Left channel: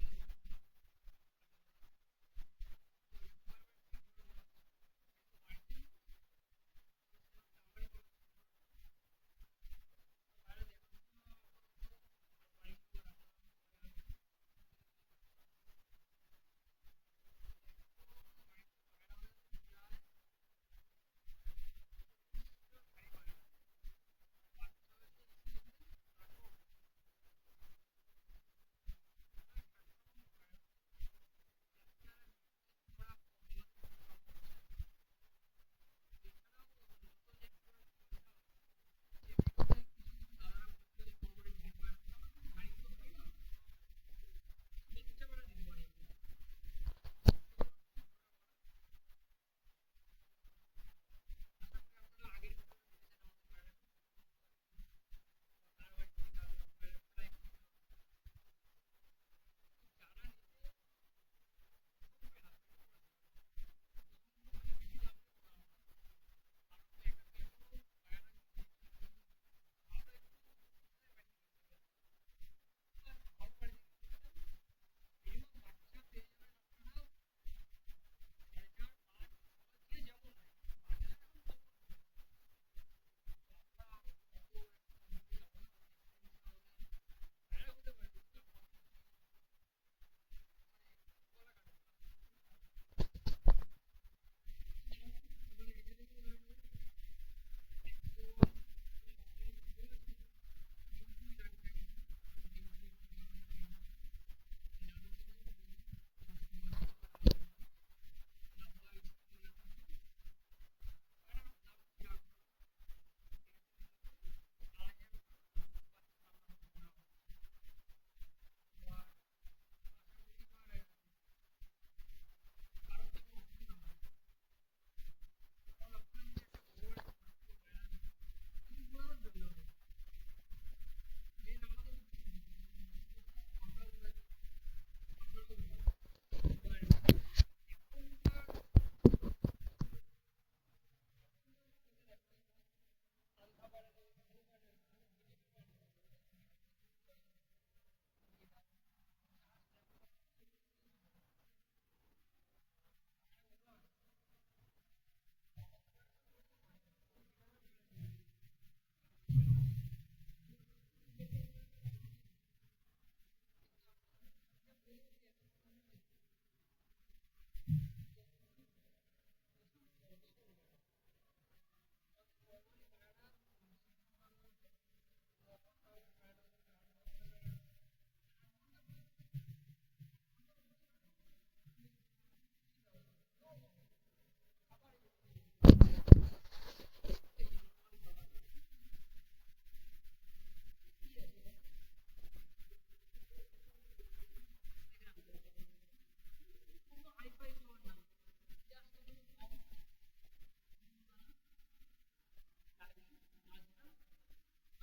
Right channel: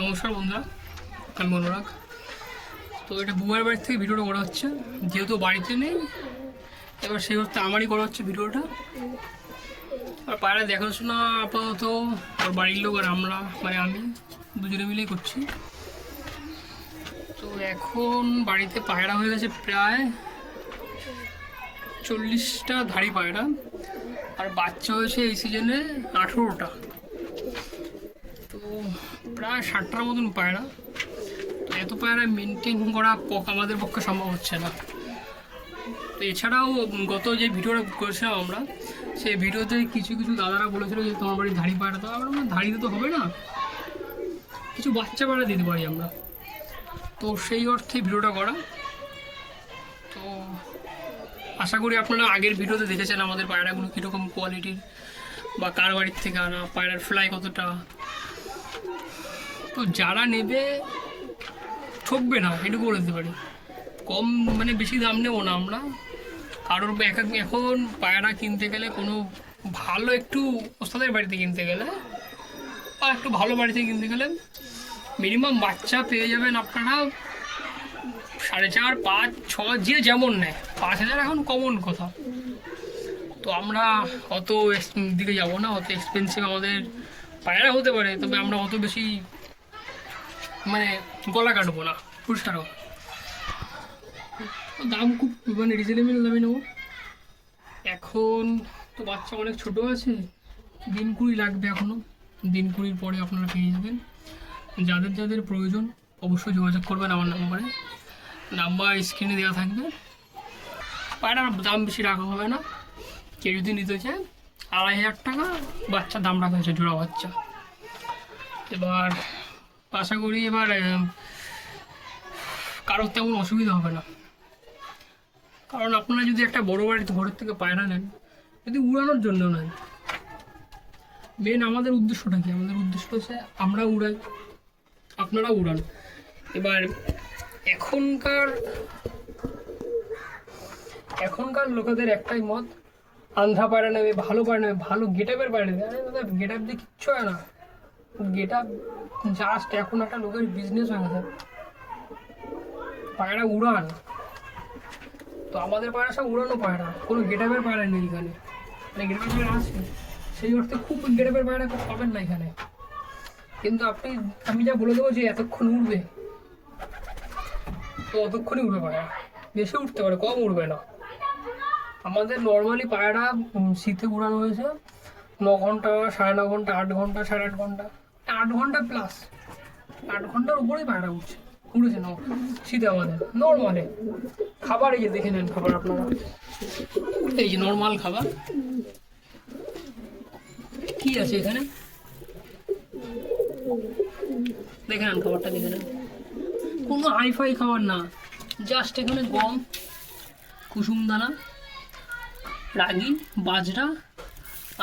নমস্কার বন্ধুরা, আমি অনুরাগ। তো এটা বুমার বাড়ি থেকে ভিডিওটা করা হচ্ছে, যেহেতু বাড়িতে নেই এবার সেই হচ্ছে আমারই করা হচ্ছে ভিডিওটা। আর পায়রা দেখাশোনা আপাতত ওর বাড়ির লোক আর আমরা মানে আমি দুজনে মিলেই করছি। তো এখন বাড়িতে পায়রা হয়ে গেছে প্রায় 40টা ধাড়ি পায়রা, আর বাচ্চা হয়েছে এই সিজনে 18টা। তো প্রায় 60টার মতন পায়রা। তো এত পায়রা মেনটেন করা আমাদের পক্ষে সম্ভব হচ্ছে না। তো এছাড়াও গত যে ভিডিওটা করেছিলাম আমরা, সেই ভিডিওতে কিছু কিছু দাদারা বলেছিল যে তোমার বাড়ির ধাড়ি পায়রা, তো আমরা ধাড়িতে তো হবে না, কিছু বাচ্চা পায়রা দিতে পারি আমরা। তো সেই অর্থে ভিডিওটা করা। তো আশা করি আপনারা আগের ভিডিওতে দেখেছেন আমাদের পায়রাগুলো কীরকম কোয়ালিটির বা কার বাড়ির থেকে আনা, পায়রার ফ্লাই কতটা। তো যারা নেবে ঠকবে না, এটুকু বলে দিতে পারি। কম মানে বেশি দাম নেবো না আমরা কারোর। এখন পায়রা কিনতে গেলে কোনো ভালো একটু ওস্তাদের বাড়িতে কিনতে গেলে বা একটু ভালো বাড়িতে কিনতে গেলে মিনিমাম বাচ্চা পেয়ে যাবেন আপনারা 4.5, 5, 6 যে যেমন নেয়। 5,000 এখন কমন কথা। তো আমরা অত দিকে যাবো না, অত এক্সপেন্সিভ আমাদের পায়রা হতে পারে, তবে আমরা অত বেশি মানে গলা কাটবো না। পুরস্কার দাম খুব মানে রিজনেবল দামে নেবো। এখন তো বাচ্চা অনেক ছোটো আছে, দিন 20 লাগবে এখনও। দিন 20 পরে আপনারা পেয়ে যাবেন। যাদের যাদের প্রয়োজন অবশ্যই যোগাযোগ করবেন আমার নাম্বারে, নাম্বার স্ক্রিনে দেওয়া থাকবে। পায়রার দাম বেশি রাখা হবে না। কেউ যদি নিতে চায় 2,500 টাকা বাচ্চার দাম রাখা হয়েছে, জোড়া বাচ্চা। এবার আশা করি এবার কারোর তেমন অসুবিধা হবে না, কারণ আপনারা যদি একটা বড় বাড়িতে ঘরের থেকে পায়রা নেন, যদি উড়ানোর জন্য নেন, মেন আমাদের উদ্দেশ্যটা কি? আমাদের উদ্দেশ্য হচ্ছে আমরা উড়াই, আপনারা উড়ান। এবার এখনকার লোকেদের একটাই মত, আন্ধ্রা পায়রা নেবে, ভালো পায়রা নেবে, ভালো গেট আপের পায়রা নেবে। আরে দাদা, গেট আপ দিয়ে কিচ্ছু হয় না। গেট আপ জাস্ট এখন একটা লোকের বিজনেস হয়ে গেছে। পায়রা উড়ান। তো আমাদের পায়রা সব উড়ানো পায়রা, কোনো গেট আপের পায়রা নেই এখানে। মানে গেট আপের পায়রা আছে, সেই অর্থে খুব গেট আপের পায়রা পাবেন না এখানে। কিন্তু আমি যা বলে দেবো যে এতক্ষণ উঠবে, তো অতক্ষণই উঠবে পায়রা। বেশি উঠতে পারে, কম উঠবে না। আমাদের নর্মালি পায়রা শীতে উড়ানো হয়েছে 9 ঘন্টা, 9.5 ঘন্টা, 8 ঘন্টা, 8.5 ঘন্টা, 8 ঘন্টা প্লাস। 8 ঘন্টার উপরেই পায়রা উড়েছে না শীতে আমাদের নর্মালে। খাবার এই যে দেখে নেন, খাবার আপনারা এই যে নর্মাল খাবার কি আছে এখানে দেখে নেন, খাবারটা দেখে নেন। কোনো হাইফাই খাবার না, জাস্ট এখানে গম, কুসুম দানা, রাগি, বাজরা,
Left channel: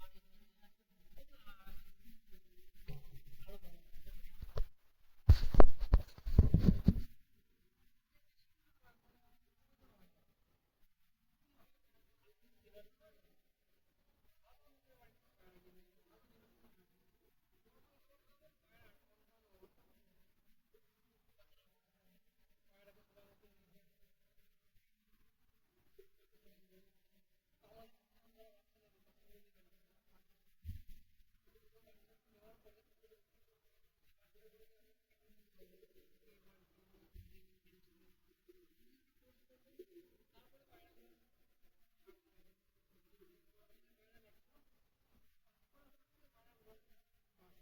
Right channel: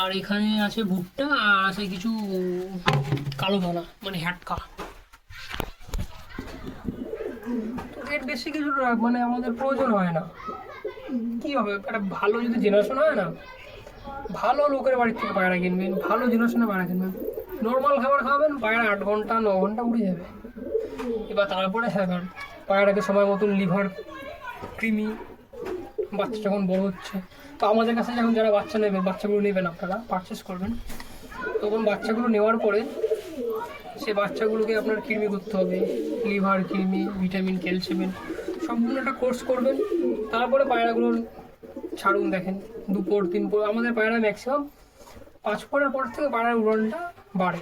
আর এখানে আছে ভুট্টা, আর আছে কিছু কালো দানা মানে হ্যাটকা। এর বেশি কিছু মানে আমাদের প্রয়োজন হয় না। কি হবে, একটা ভালো যদি জেনারেশন হয় না, ভালো লোকের বাড়ির থেকে পায়রা কিনবেন, ভালো জেনারেশনে পায়রা কিনবেন, নর্মাল খাবার খাওয়াবেন, পায়রা 8 ঘন্টা 9 ঘন্টা উড়ে যাবে। এবার তারপরে হ্যাঁ, পায়রাকে সময় মতন লিভার, কৃমি, বাচ্চা যখন বড় হচ্ছে, তো আমাদের কাছে যখন যারা বাচ্চা নেবেন, বাচ্চাগুলো নেবেন, আপনারা পারচেস করবেন, তখন বাচ্চাগুলো নেওয়ার পরে সে বাচ্চাগুলোকে আপনার কৃমি করতে হবে, লিভার, কৃমি, ভিটামিন, ক্যালসিয়াম, সম্পূর্ণ একটা কোর্স করবেন। তারপরে পায়রাগুলোর ছাড়ুন। দেখেন 2 পর 3 পর আমাদের পায়রা ম্যাক্সিমাম 5 পরের পর থেকে পায়রার উড়নটা বাড়ে।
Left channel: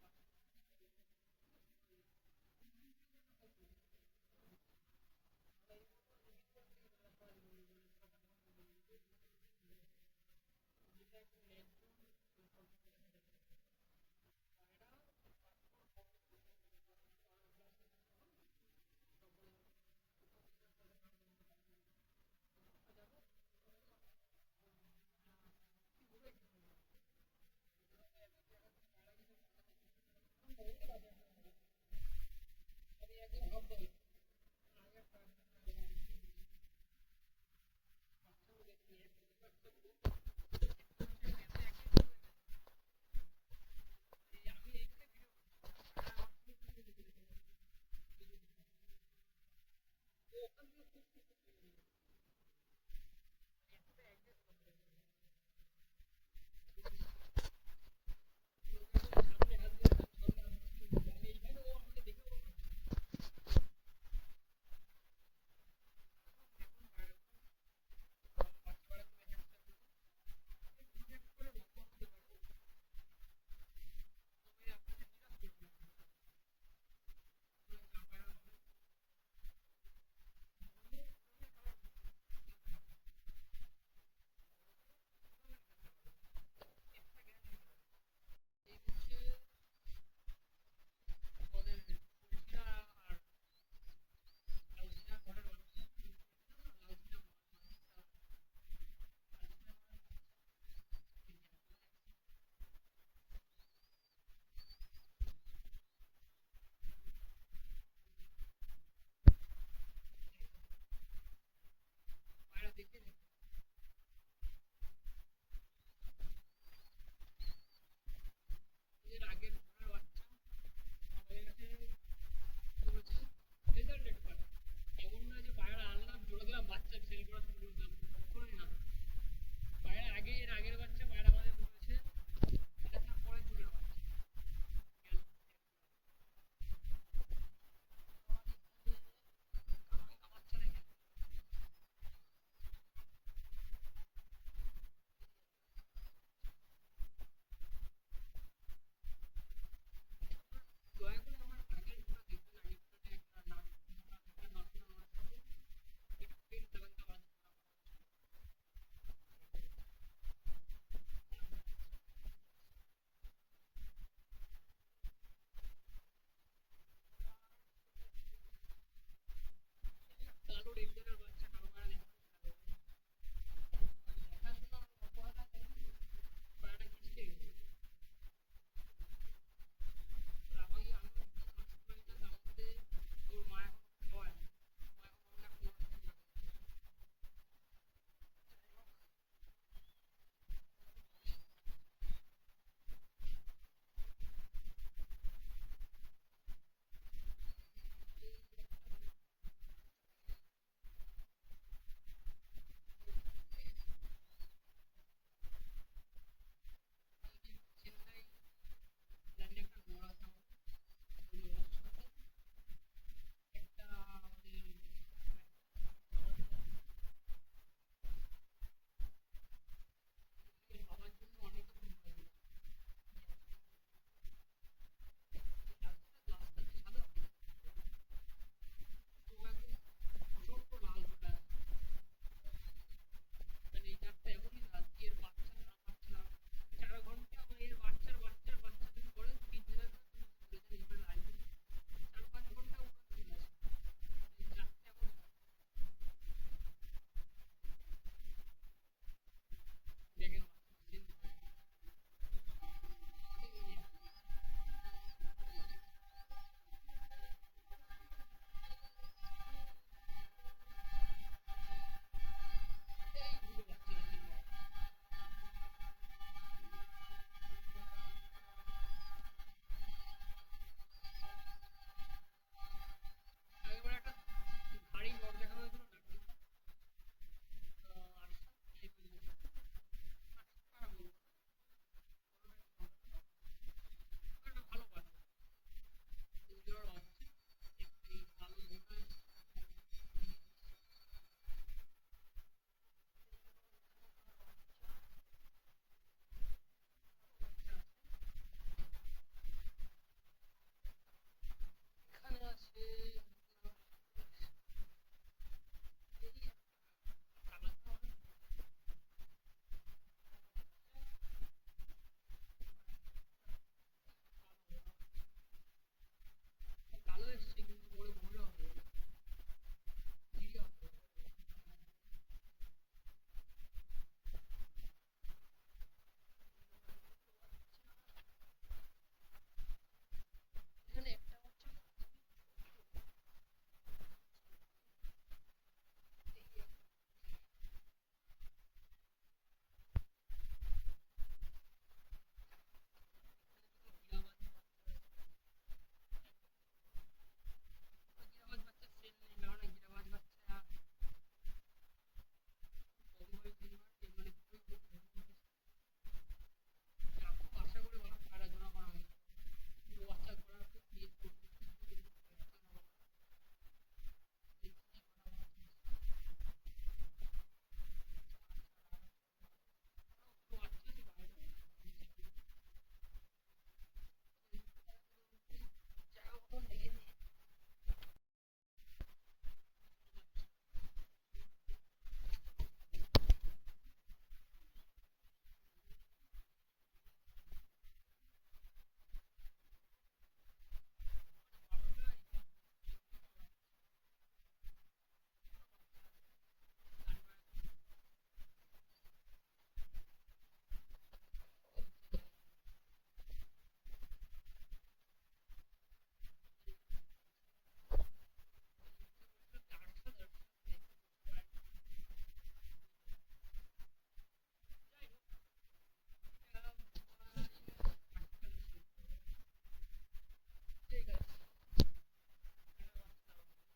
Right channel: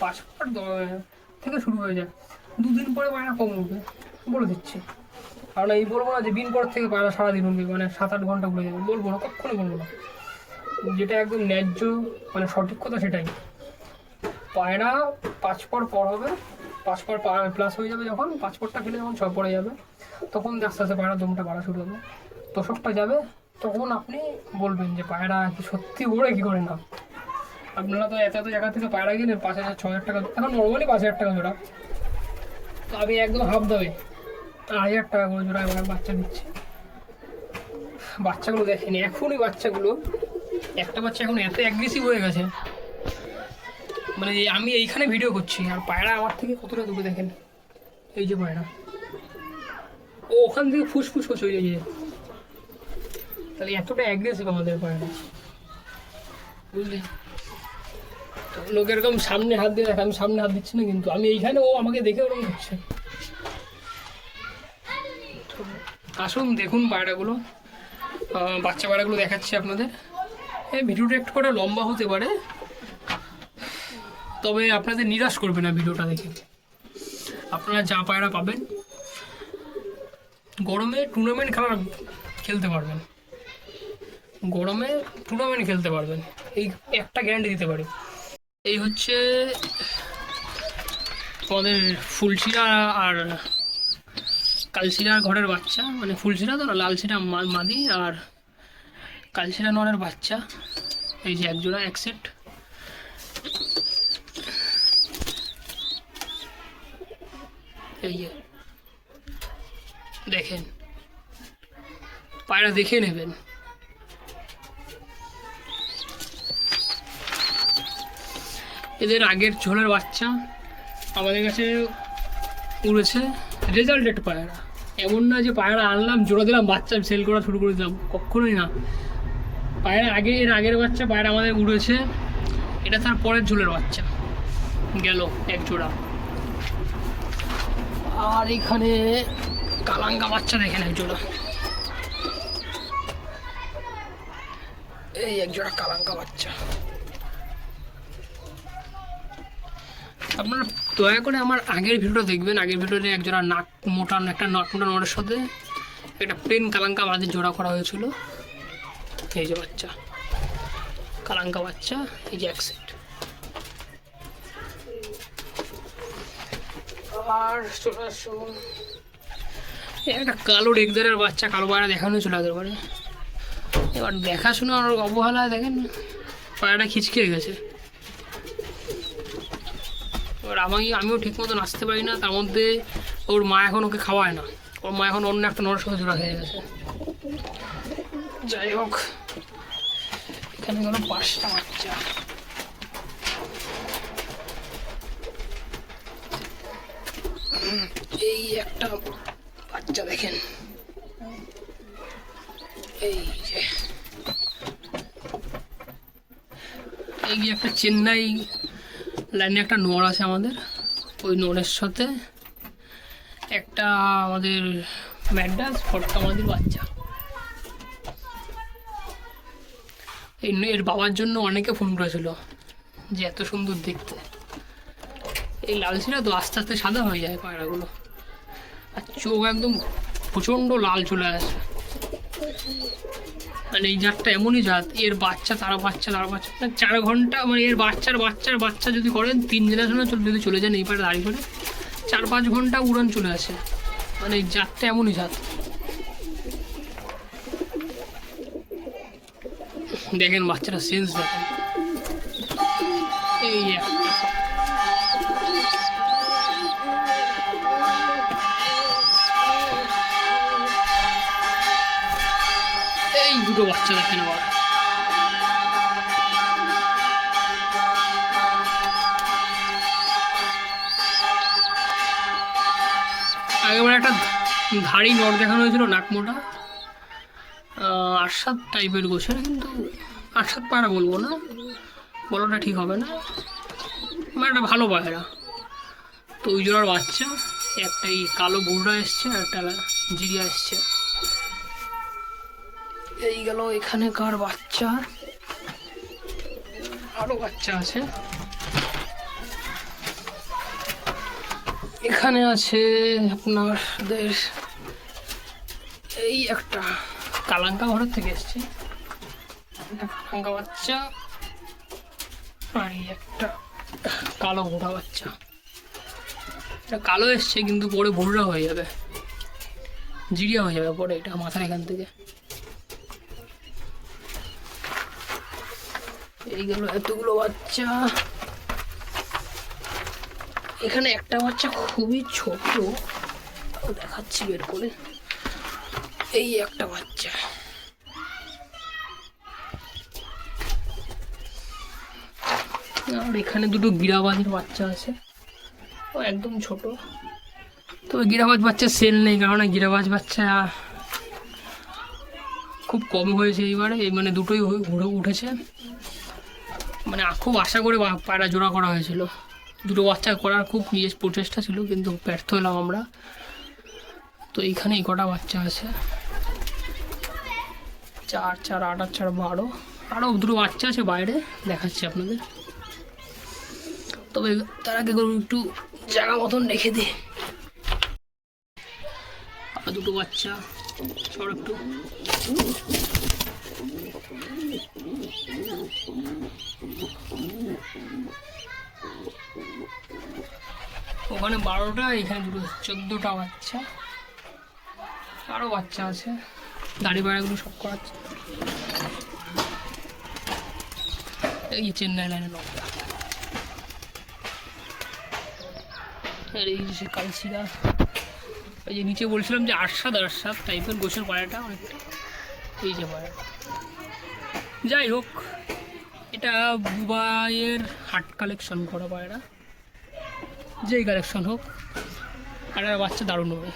5 পর থেকে শুরু হয়ে যায়। 2 দিন পরে পায়রা কম উঠবে বলে দিচ্ছি। কারণ এই বলবো না যে দিন পর থেকে পায়রা সারাদিন উঠবে, মানে 7-8 ঘন্টা উড়ে যাবে, বলবো না, কখনো বলবো না। যেটা একদম ন্যায্য মানে সঠিক কথা সেটাই। পায়রা 5 পর হবে, 5 পর প্লাস হয়ে যাবে। যখন 5 পরটা ফেলে যখন 6 পরে যাবে, তখন আস্তে আস্তে পায়রা দমটা বাড়া শুরু হবে, তোষকটা যাবে। তখন আপনি বলবেন যে পায়রা কি সত্যি ওড়ে কি করে না। আপনারা তো এত জায়গা থেকে পায়রা কিনেন 5,000 6,000 টাকা, এখন নর্মালি 5,000 টাকা জোড়া। তো আমি একদম হাফ দামে 1,000 টাকা করে জোড়া এবার বাচ্চা দিচ্ছি। বাচ্চাগুলো দেখেনি এখনই, বাচ্চাগুলো একটা বাচ্চা এখন এত অ্যাগ্রেসিভ হয়ে গেছে, মানে আমি এইখানে ভিডিও করছি আর পায়রা আমার থেকে কতটা দূরে দেখেন। এই যে পায়রা, ও ওখান থেকে ফুসফুস করছে ওই যে, তাহলে এতটা অ্যাগ্রেসিভ আমাদের পায়রা, বুঝলি? তো লোক এরকম সামনে হাত দিয়ে দেখে, আমি সামনে হাত দিচ্ছি না কিন্তু, আমি এইখানে, ও আমাকে দেখে ওরকম করছে। আসুন দেখুন পায়রাগুলো, বাচ্চা পায়রাগুলো দেখাচ্ছি আপনাদের। এই ভিডিওটা একটু করে লম্বা হতে পারে, তবে আপনাদের নিরাশ করবে না ভিডিওটা দেখে। আপনারা যা পায়রা পাবেন, গরমে টুর্নামেন্ট খেলতে পারবেন, গরমে টুর্নামেন্ট খেলতে পারবেন, এই একটা গ্যারান্টি দিতে পারি। এই হচ্ছে আমাদের ফুলশিরা আর কালশিরার ঘরের বাচ্চা, মানে ফুলশিরা তো না, লালশিরা মাদি আর কালশিরা নরের বাচ্চা। এই যে একজোড়া, এক সেট। এই যে দেখেন পায়রা, দেখে নেবেন। এদের আগের ঝোলের বাচ্চা আমাদের কাছে উড়েছে, রেজাল্টেড পায়রা। এমন না যে পায়রা আনলাম, জোড়া দিলাম, বাচ্চা সেল করা শুরু করে দিলাম, কখনোই না। পায়রা এর আগের বাচ্চা পায়রা আমাদের উড়েছে, এটা তার পরের ঝোলের বাচ্চা গেল এক জোড়া। আর এখানে কালাঙ্গা বাচ্চা দেখেন এক জোড়া, এই এক জোড়া কালাঙ্গা বাচ্চা। আপনারা দয়া করে আমার আগের ভিডিওটা দেখবেন, আগের ভিডিওতে এক জোড়া নাক মোটা, একটা নাক মোটা নড়ের সাথে একটা প্লেন কালাঙ্কা মাঝে জোড়া করা হয়েছিল। এই যে বাচ্চা, কালাঙ্কা বাচ্চা, এই যে এক সেট। আর চলে আসুন, একটা কালো রেগদারের বাচ্চা, কালো পায়রা দেখানো ছিল আগের বারে। এবার দেখাশোনার অবহেলায় দেখেন পায়রাটা খিচকে গেছে। এবার আমিও ঠিক মতো নাচতে পারি না, তার মধ্যে ওর মা এখন ওকে খাওয়ায় না, ওর মা এখন অন্য একটা নড়ের সাথে জোড়া খেয়ে গেছে। যাই হোক, এখানে গেল 5টা বাচ্চা। এই একটা বাচ্চা দেখেন, এই যে একটা চেন্নাই লাইনে একটা নোড় আছে আমাদের, ওই নোড়ের সাথে একটা আমাদের ম্যাড্রাস ফটকা আমাদের বাচ্চা। এর বাবার জন্য অনেকে ফোন করেছিল যে এত সুন্দর দেখতে। এই লালশিরা তো আস্তে আস্তে সাদা হয়ে যায় পায়রাগুলো, আর চোখ একদম প্রচণ্ড লাল চলে আসে। মানে এই জাতটা এমনই জাত, এর বাচ্চা তারা বাচ্চা তারা বাচ্চা, 4 ঘন্টা, মানে এর বাচ্চার বাচ্চার বাচ্চা যদি করেন 3 জেনারেশনে যদি চলে যান এই পায়রা দাঁড়িয়ে করে 4-5 ঘন্টা উড়ান চলে আসে। মানে এই জাতটা এমনই জাত। দেখেন বাচ্চারা সেন্স দেখেন, এই এই দুটো বাচ্চা দেখেন। আবার আগেবার একটা ধাড়ি নট দেখানো হয়েছিল, নাক মোটা, আটসাত টাইপের গোছের, কিন্তু আটসাত পায়রা বলবো না, বলাটা ঠিক হবে না, মানে একটা ভালো পায়রা। তো ওই জোড়ার বাচ্চা, একটা এই কালো বুড়া এসছে আর একটা জিরিয়া এসছে। এই গেল এখানেকার বাচ্চা, আরো বাচ্চা আছে। এখানে আছে আপনাদের এই একটা কালাঙ্কা ঘরের থেকে এসছে, কালাঙ্কা বাচ্চা, আর এই একটা কালো ভোড়া বাচ্চা। এটা কালো এসছে কিন্তু পরে ভোড়া হয়ে যাবে, জিরিয়া হয়ে যাবে পরে, এটা মাথার এখান থেকে। এই গেল এতগুলো বাচ্চা। এখানে একটা বাচ্চা খুবই ছোট, দেখাচ্ছি বের করে। এই একটা বাচ্চা, আর এখানে দুটো গিরাবাজের বাচ্চা আছে, ও একদম ছোট। তবে গিরাবাজ বাচ্চা সেল নেই, কারণ গিরাবাজ বাচ্চা খুব কম হয়েছে এইবারে, এই মানে দুটোই ঘুরে উঠেছে। মানে খুব আশা করে পায়রা জোড়া করা হয়েছিল, দুটো বাচ্চা করার খুব নিজের প্রচেষ্টা ছিল, কিন্তু ব্যর্থ হলাম আমরা। তো এইখানে এই কটা বাচ্চা আছে, 4, 4, 8, 8, 4, 12। আরও দুটো বাচ্চা আছে বাইরে, দেখাচ্ছি আপনাদের। তবে তার আগে একটু জায়গা মতন রেখে দিই। আর দুটো বাচ্চা সব একটু ওখানে 12টা, এখানে দুটো 14টা বাচ্চা, আরও বাচ্চা আছে। দাড়ি বাড়াগুলো সব করাচ্ছে। এই চেন্নাই লাইনে নকটা, আর এই যে কালশিরা। এই যে নিচে বলছিলাম যে 8-7 টাইপের গোছের পায়রাটা অনেকটা, এই যে পায়রা। যাই হোক, এটা দুবাইয়ের হাট কালেকশন করা পায়রা, যেই কালেকশন হোক। আর বাচ্চা দারুণ ওড়ে,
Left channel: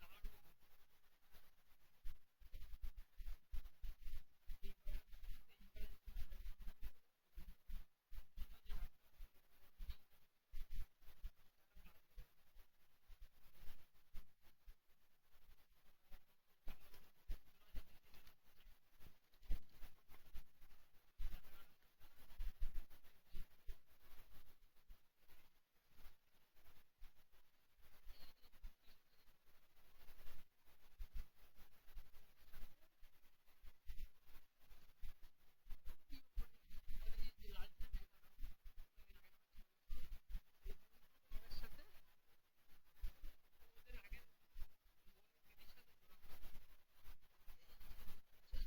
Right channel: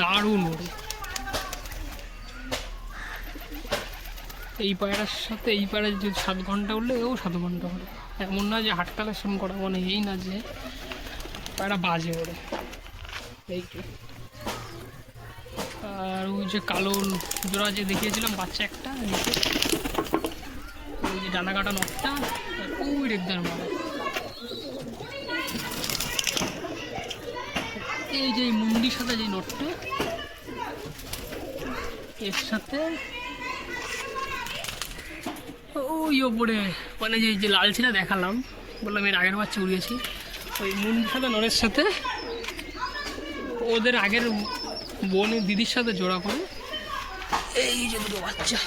দারুণ ওড়ে। এই পায়রার সাথে এই পায়রা যদি 7 ঘন্টা উঠলে এও 7 ঘন্টা ওড়ে। এমন না যে হাট কালেকশন করা মানে এই না যে পায়রা বাজে ওড়ে। এই আর ওই যে কালো জোড়া যে দেখিয়েছিলাম বাচ্চা একটা, ওই যে ডানা কাটা নটটা, ওই রেখদার মারা। এই যে মুন্ডির সাথে যে নটটা, এর সাথে ওই ওপরে মানে যে লালচিটা দেখালাম, বললাম এর আগের বাচ্চা উড়িয়েছি, ওই মুন্ডির সাথে নরের সাথে ওদের আগের বোনের দিদির সাথে জোড়া করে এই যে দুটো বাচ্চা।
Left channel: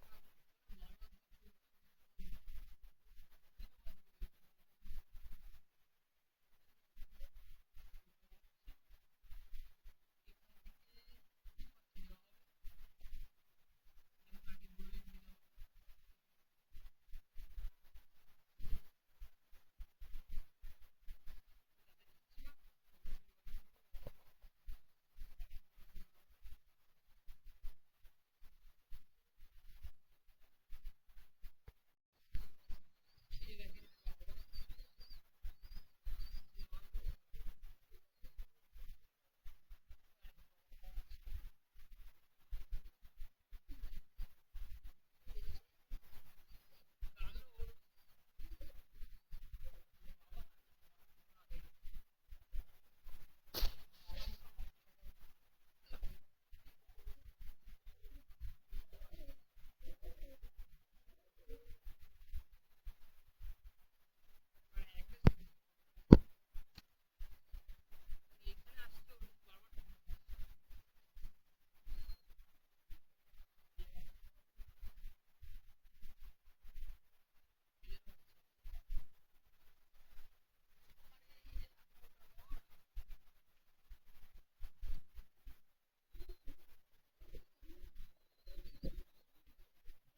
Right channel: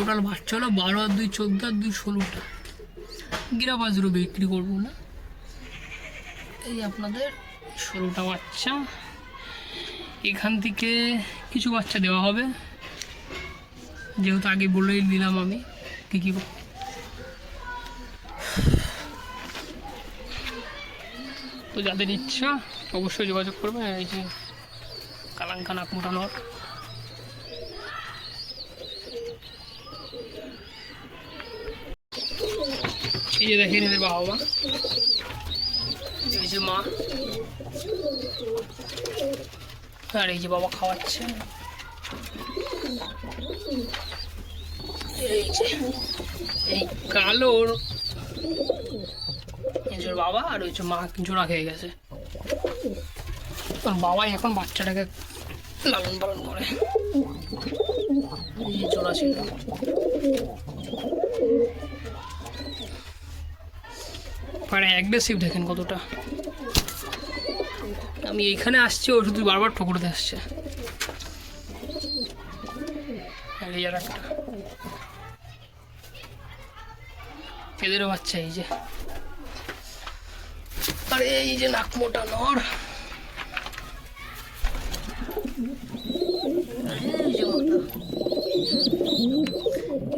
ওটার বাচ্চা হলো 12 আর 2 14 আর 2 16টা। গিরাবাজরও বিক্রি করবো না। এই আপনাদের 16টা বাচ্চা, এখান থেকে কিছু বাচ্চা দেওয়া হবে, যেহেতু আগে বলেই দিলাম আমি কী কী। তো যাদের ইচ্ছা অবশ্যই যোগাযোগ করবে। এই যে কালাঙ্কা নাকমোটা নট, এই যে দেখেন এদের বাবা মা, এই যে মা, আর এই যে বাবা খাওয়াচ্ছে। এই যে এই কালোর বাবা আর ওই যে মা জোড়া খেয়ে গেছে, বাবাই এখন বাচ্চাটাকে লালন পালন করে। এই জোড়া ছিল, পারে অ্যাগ্রেসিভ দেখেন কতটা। আমি এইখানে আসছি, ও শুধু বারবার ঠোকরতে আসছে। এই আর একটা, এদেরও বাচ্চা এই যে। আর এই যে নাকমোটা নর,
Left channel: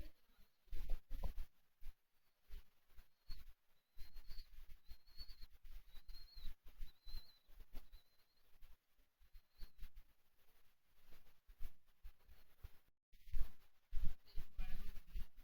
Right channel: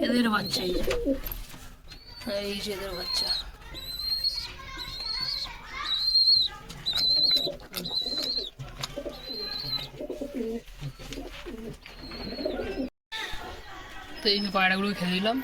এদের বাচ্চা এই যে, এই যে এদের বাচ্চা। তো এই যে পায়রাগুলো খেলে দিলাম।